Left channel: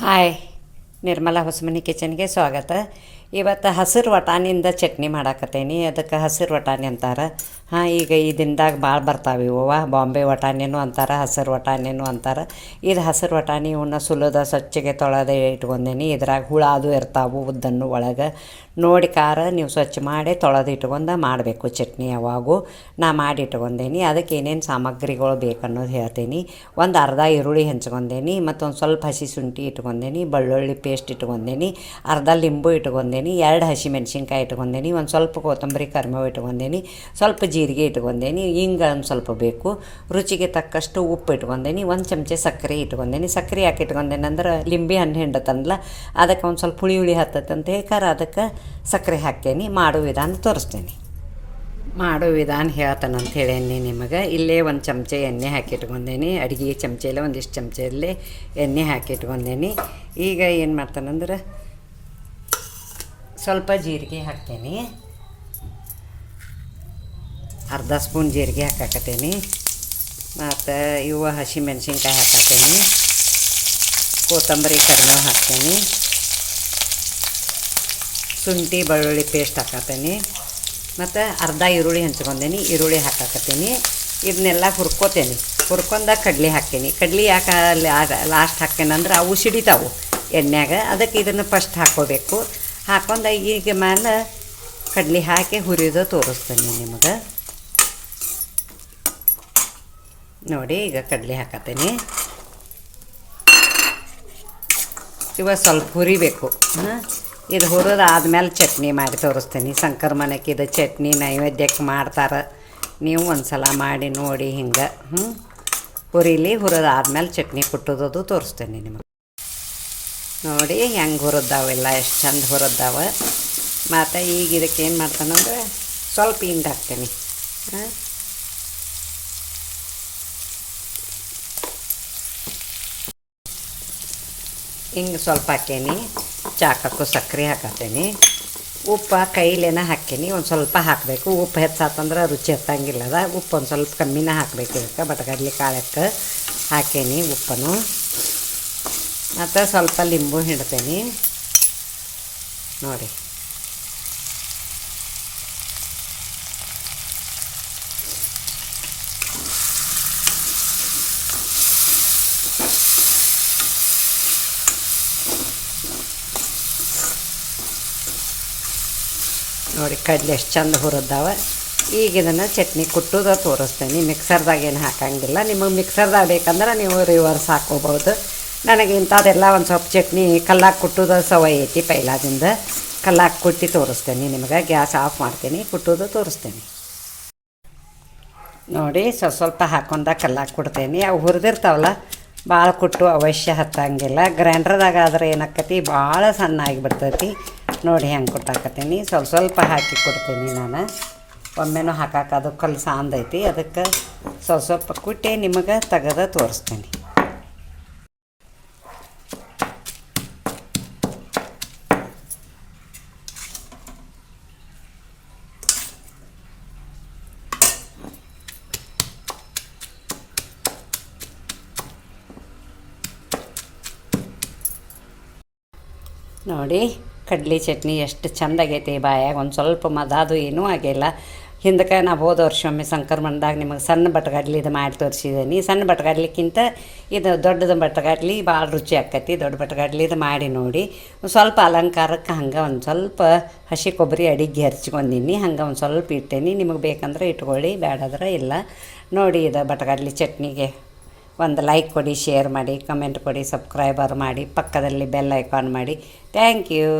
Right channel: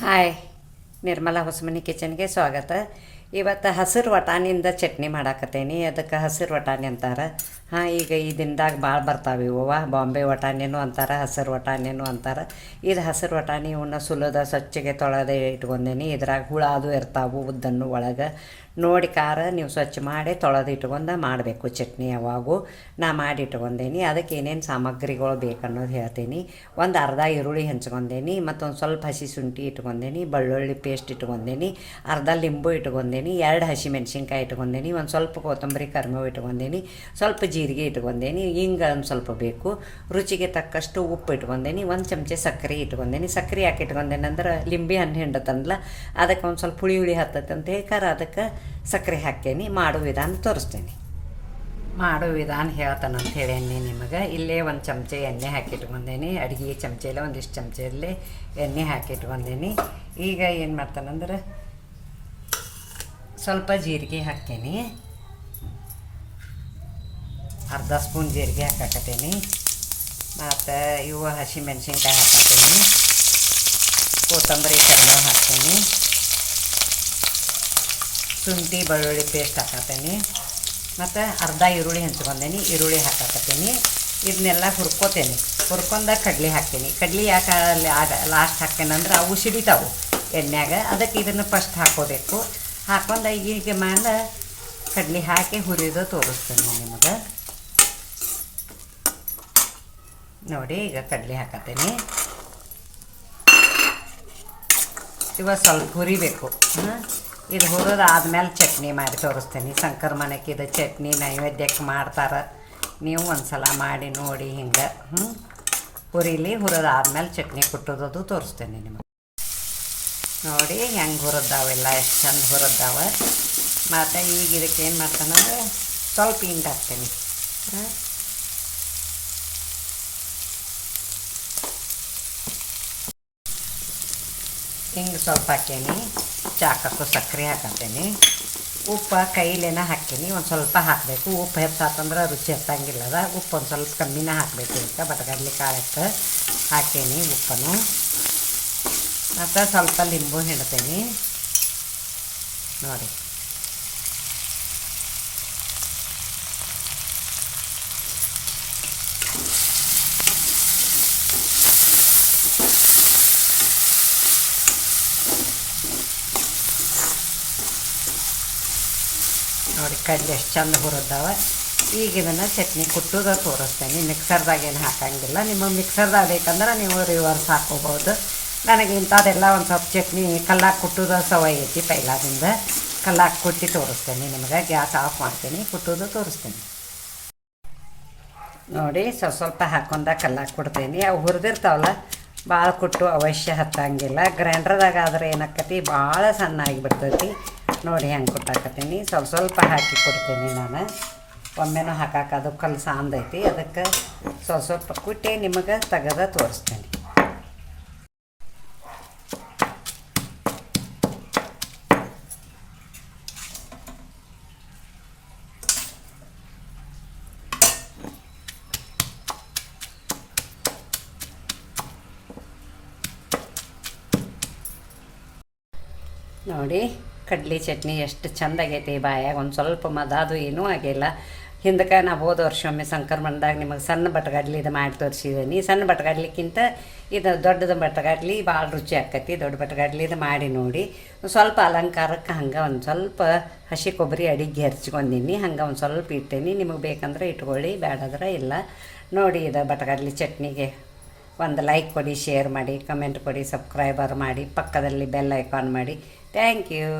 Hi, Nirmala Hosamani ಕಿಚನ್ಗೆ ಸ್ವಾಗತ. ಇವತ್ತು ಹಸಿರು ವಟಾಣಿಯಿಂದ ಚಟ್ನಿ ಮಾಡಾಕತ್ತೇನಿ. ಅದಕ್ಕೆ ಹಸಿರು ವಟಾಣಿ ಅಂತಾರೆ. ಈಗ ಈ ದಿನದಾಗ ಭಾಳ ಬರ್ತಾವೆ ಇವು. ಬಾಂಬೆ ವಟಾಣಿನೂ ಅಂತಾರೆ, ಹಸಿರು ವಟಾಣಿನೂ ಅಂತಾರೆ. ಇದು ಹಸಿರು ವಟಾಣಿ. ಇವನ್ನ ಸುಲಿದ ಸ್ವಚ್ಛಗೆ ತೊಳೆದು ಇಟ್ಕೊಂಡೇನಿ. ಇದ್ರಾಗ ಹುಳ ಅದು ಇರ್ತಾವೆ ಉದ್ದನ್ನು ಒಳಗೆ ನೋಡಿ ಖಾರ ನೀವು ಸ್ವಚ್ಛ ಮಾಡಿ ತೊಳೆದು ಇಟ್ಕೊಂಡು ಮಾಡಬೇಕು ಚಟ್ನಿ. ಯಾವಾಗೂ ನಾ ಮಾಡಿ ಇಟ್ಕೊಂಡೇನಿ. ಅದಕ್ಕೆ ಏನೇನು ಸಾಮಗ್ರಿಗಳು ಬೇಕನ್ನೋದು ಹೇಳ್ತೀನಿ. ಒಂದು ಅರ್ಧ ಈರುಳ್ಳಿ ಹೆಂಚ್ಕೊಂಡೇನಿ, ಮತ್ತೊಂದು ಸ್ವಲ್ಪ ಹಸಿ ಶುಂಠಿ ಇಟ್ಕೊಂಡೇನಿ, ಬೆಳ್ಳುಳ್ಳಿ ಪೇಸ್ಟ್ ಇಟ್ಕೊಂಡೇನಿ, ಅರ್ಧ ಲಿಂಬು ಇಟ್ಕೊಂಡೇನಿ, 2 ಹಸಿಮೆಣ್ಸಿನ್ಕಾಯಿ ಇಟ್ಕೊಂಡೇನಿ, ಒಂದು ಸ್ವಲ್ಪ ಕೊತ್ತಂಬರಿ ಕರಿಬೇವು ಇಟ್ಕೊಂಡೇನಿ, ಸ್ವಲ್ಪ ಜೀರಿಗೆ ಇಟ್ಕೊಂಡೇನಿ, ಹಿಂಗೆ ಒಂದು ಸ್ವಲ್ಪ ಬೇಕು, ರುಚಿಗೆ ತಕ್ಕಷ್ಟು ಉಪ್ಪು ಇಟ್ಕೊಂಡೇನಿ, 1 ಚಮಚೆ ಸಕ್ಕರೆ ಇಟ್ಕೊಂಡೇನಿ. ಸಕ್ಕರೆ ಯಾಕೆ ಇಟ್ಕೊಂಡೇನಿ ಅಂದ್ರೆ ಲಿಂಬೆ ಹಣ್ಣು ಹಿಂಡತ್ತಂದ್ಲ, ಅದಕ್ಕೆ ಒಂದು ಸ್ವಲ್ಪ ಹುಳಿ ಹತ್ತತ್ತೆ ಅಂತ ಹೇಳ್ತಾರೆ, ಅದಕ್ಕೆ ಸಕ್ಕರೆ ಹಾಕೇನಿ. ಮಾಡೋ ವಿಧಾನ ತೋರಿಸ್ತೇನೆ. ಮಾಡೋ ವಿಧಾನ ಹೇಳ್ತಾನಂತ ಹೇಳೇನಿ ನಿಮಗೆ. ಇಲ್ಲೇ 1 ಚಮಚೆ ಎಣ್ಣೆ ಹಾಕಿಟ್ಕೊಂಡೇನಿ. ಅಡುಗೆ ಚಮಚೆಯಲ್ಲೇ ಒಂದಿಷ್ಟು ಚಮಚೆಯಲ್ಲೇ ಎಣ್ಣೆ ಹಾಕಿಟ್ಕೊಂಡೇನಿ. ಈಗ ಏನು ಮಾಡ್ತಾನಂದ್ರೆ ಸ್ವಲ್ಪ ಜೀರಿಗೆ ಹಾಕ್ತೇನೆ. ಅರ್ಧ ಸ್ಪೂನ್ ಜೀರಿಗೆ ಹಾಕಾಕತ್ತೇನಿ. ಮತ್ತು ಇವು ಹಸಿಮೆಣ್ಸಿನ್ಕಾಯಿ ಹಾಕತ್ತೇನೆ, ಕೊತ್ತಂಬರಿ ಕರಿಬೇವು ಹಾಕ್ತೇನೆ, ಶುಂಠಿ ಬೆಳ್ಳುಳ್ಳಿ ಪೇಸ್ಟ್ ಹಾಕತ್ತೇನೆ, ಮತ್ತು ಅರ್ಧ ಈರುಳ್ಳಿ ಹೆಂಚ್ಕೊಂಡೇನಿ, ಈರುಳ್ಳಿ ಹಾಕಾಕತ್ತೇನಿ. ಇದನ್ನೆಲ್ಲ ಹುರ್ಕೋತೇನೆ. ಹುರ್ಕೊಂಡ ಕಡ್ಲೆ ಹಾಕ್ತೇನೆ. ಕಡ್ಲೆ ಯಾಕೆ ಲಾಸ್ಟ್ ಹಾಕ್ತೇನಂದ್ರೆ ಅವು ಸಿಡಿತಾವು ಎಣ್ಣೆಯಾಗ, ಅದಕ್ಕೆ ಇದನ್ನು ಫಸ್ಟ್ ಹಾಕ್ಕೋಬೇಕು. ಹಾಕ್ಕೊಂಡು ಈಗ ಮೇಲೆ ಕಡ್ಲೆ ಹಾಕಿ ಹುರಿಯೋದು ತೋರಿಸ್ತೇನೆ ನಿಮಗೆ. ನೋಡಿ, ಈಗ ಕಡಲೆ ಹಾಕತ್ತೇನೆ. ಇವಾಗ ಸ್ವಲ್ಪ ಹುರಿಬೇಕು. ಇದು ಹುರಿದು ಆದಮೇಲೆ ಚಟ್ನಿ ಮಾಡಿ ತೋರಿಸ್ತೇನೆ. ಸಂಕ್ರಮಣಕ್ಕೆ ಇದು ಚಟ್ನಿ ನೈವೇದ್ಯಕ್ಕೆ ಮಾಡ್ತಾರೆ. ನೀವು ಒಂದು ಸಲ ಮಾಡಿ ನೋಡಿ. ಹಿಂಗೆ ಹುರಿಲಿ. ಹುರಿದು ಆದಮೇಲೆ ಚಟ್ನಿ ಕುಟ್ಟೋದು ತೋರಿಸ್ತೇನೆ ನಿಮಗೆ. ನೋಡಿ ಹೆಂಗೆ ಹುರಿದಾವೆಲ್ಲ, ಎಷ್ಟು ಚಂದ ಹುರಿದಾವೆ. ಮತ್ತು ಈಗ ಇದಕ್ಕೆ ಏನು ಮಾಡ್ತಾನಂದ್ರೆ ಸ್ವಲ್ಪ ಹಿಂಗೆ ಹಾಕ್ತೇನೆ. ಹಿಂಗೆ ಸ್ವಲ್ಪ ಹಾಕೇನಿ. ಚಾಕಕ್ಕೂ ಸಕ್ಕರೆ ಹಾಕತ್ತೇನೆ. ಉಪ್ಪು ಕೈಲೇನ ಹಾಕೀನಿ. ಒಂದು ಸ್ವಲ್ಪ ಹಾಕಬೇಕು. ಉಪ್ಪು ಹೆಚ್ಚಾತಂದ್ರೆ ರುಚಿ ಹತ್ತಂಗಿಲ್ಲದ. ಉಪ್ಪು ಒಂದು ಸ್ವಲ್ಪ ಕಮ್ಮಿನ ಹಾಕಬೇಕು. ಇದಕ್ಕೆ ಬಟಗಡ್ಲಿ ಕಾಳಕ್ಕೆ ಹಾಕೇನಿ ಉಪ್ಪನ್ನು. ಮತ್ತು ಸ್ವಲ್ಪ ಲಿಂಬು ಹಿಂಡ್ತೇನೆ. ನೋಡಿ, ನೋಡಿ ಕಡ್ಲೆ ಎಷ್ಟು ಚಂದ ಹುರಿದಾವೆ. ಈಗ ಇದನ್ನು ಚಟ್ನಿ ಕುಟ್ಟೋದು ತೋರಿಸ್ತೇನೆ. ಮಿಕ್ಸರ್ದಾಗ ಏನು ಹಾಕಂಗಿಲ್ಲ. ನಿಮಗೆ ಮಿಕ್ಸರ್ದಾಗ ಬೇಕಂದ್ರೆ ನೀವು ರಿವರ್ಸ್ ಹಾಕೋಬೋದು. ನನಗೆ ಇಂಥದ್ದೆಲ್ಲ ಒಂದು ಸ್ವಲ್ಪ ಚಟ್ನಿ ಕಲ್ಲಾಗಿ ಕುಟ್ಟೋದು ಸವೈ ಐತಿ ಪೈಲಾದಿಂದ. ಕಲ್ಲಾಗಿ ಕುಟ್ಟಿ ತೋರಿಸ್ತೇನೆ ನಿಮಗೆ. ಗ್ಯಾಸ್ ಆಫ್ ಮಾಡ್ತೀನಿ, ಕುಟ್ಟೋದು ತೋರಿಸ್ತೇನೆ. ನೋಡಿ, ಸ್ವಲ್ಪ ಹಾಕೊಂಡ ಕಲ್ಲಾಗಿ ಕೊಡ್ತೇನೆ. ಅವು ಹುರಿದಿರ್ತಾವಲ್ಲ, ಭಾಳ ಕುಟ್ಟು ಅವಶ್ಯ ಹತ್ತಂಗಿಲ್ಲ. ಗ್ರೈಂಡ್ರದಾಗ ಆದರೆ ಏನಾಕತಿ ಭಾಳ ಸಣ್ಣ ಆಗಿಬಿಡ್ತೈತಿ. ನೋಡಿ ಹೆಂಗೆ ಕುಟ್ಟಾಕತ್ತೀನಿ. ಸ್ವಲ್ಪ ಹಾಕಿ ಕೊಡ್ತೀನಿ ನಾನು. ಒಮ್ಮೆನೂ ಹಾಕಾಕ ಅದು ಕಲ್ಲು ಸಾಂದೈತಿ. ಅದಕ್ಕೆ ಸ್ವಲ್ಪ ಕುಟ್ಟಿ ನಿಮಗೆ ತೆಗೆದ ತೋರಿಸ್ತೀನಿ. ನೋಡಿ, ಕಡ್ಲಿ ಚಟ್ನಿ ಎಷ್ಟು ಚೆಂದಾಗೈತಿ. ಬಾಯಾಗ ಒಂದು ಸ್ವಲ್ಪ ಮದಾದು ಏನೂ ಆಗಿಲ್ಲ. ಹಿಂದಕ್ಕೆ ನಾವು ಹೋದ ವರ್ಷ ಒಮ್ಮೆ ಸಂಕ್ರಮಣದಾಗ ನಿಮಗೆ ಸಣ್ಣ ಬಟಗಡ್ಲಿದು ಮಾಡಿ ತೋರಿಸಿದ್ದೀನಿ. ಸಣ್ಣ ಬಟಗಡ್ಲಿಕ್ಕಿಂತ ಇದು ದೊಡ್ಡದು ಬಟಗಡ್ಲಿ ಭಾಳ ರುಚಿ ಆಕೈತಿ. ದೊಡ್ಡ ಬಟಗಡ್ಲಿದು ಮಾಡಿ ನೋಡಿ. ಸ್ವಲ್ಪ ಅಲಂಕಾರಕ್ಕೆ ಹಂಗೆ ಒಂದು ಸ್ವಲ್ಪ ಹಸಿ ಕೊಬ್ಬರಿ ಅಡಿಗೆ ಹೆರ್ಚ್ಕೊಂಡಿನಿ. ಹಂಗೆ ಒಂದು ಸ್ವಲ್ಪ ಇಟ್ಟೇನಿ. ನಿಮಗೆ ಬೇಕಂದ್ರೆ ಇಟ್ಕೊಳ್ಳಿ, ಬೇಡಾದ್ರೆ ಇಲ್ಲ. ನೋಡಿ, ಇದು ಬಟಗಡ್ಲಿ ಚಟ್ನಿಗೆ ಒಂದು ಲೈಕ್ ಕೊಡಿ, ಶೇರ್ ಮಾಡಿ, ಕಮೆಂಟ್ ಕೊಡಿ, ಸಬ್ಸ್ಕ್ರೈಬರ್ ಮಾಡಿ, ಪಕ್ಕದಲ್ಲಿ ಬೆಲ್ ಐಕಾನ್ ಮಾಡಿ. Thank you.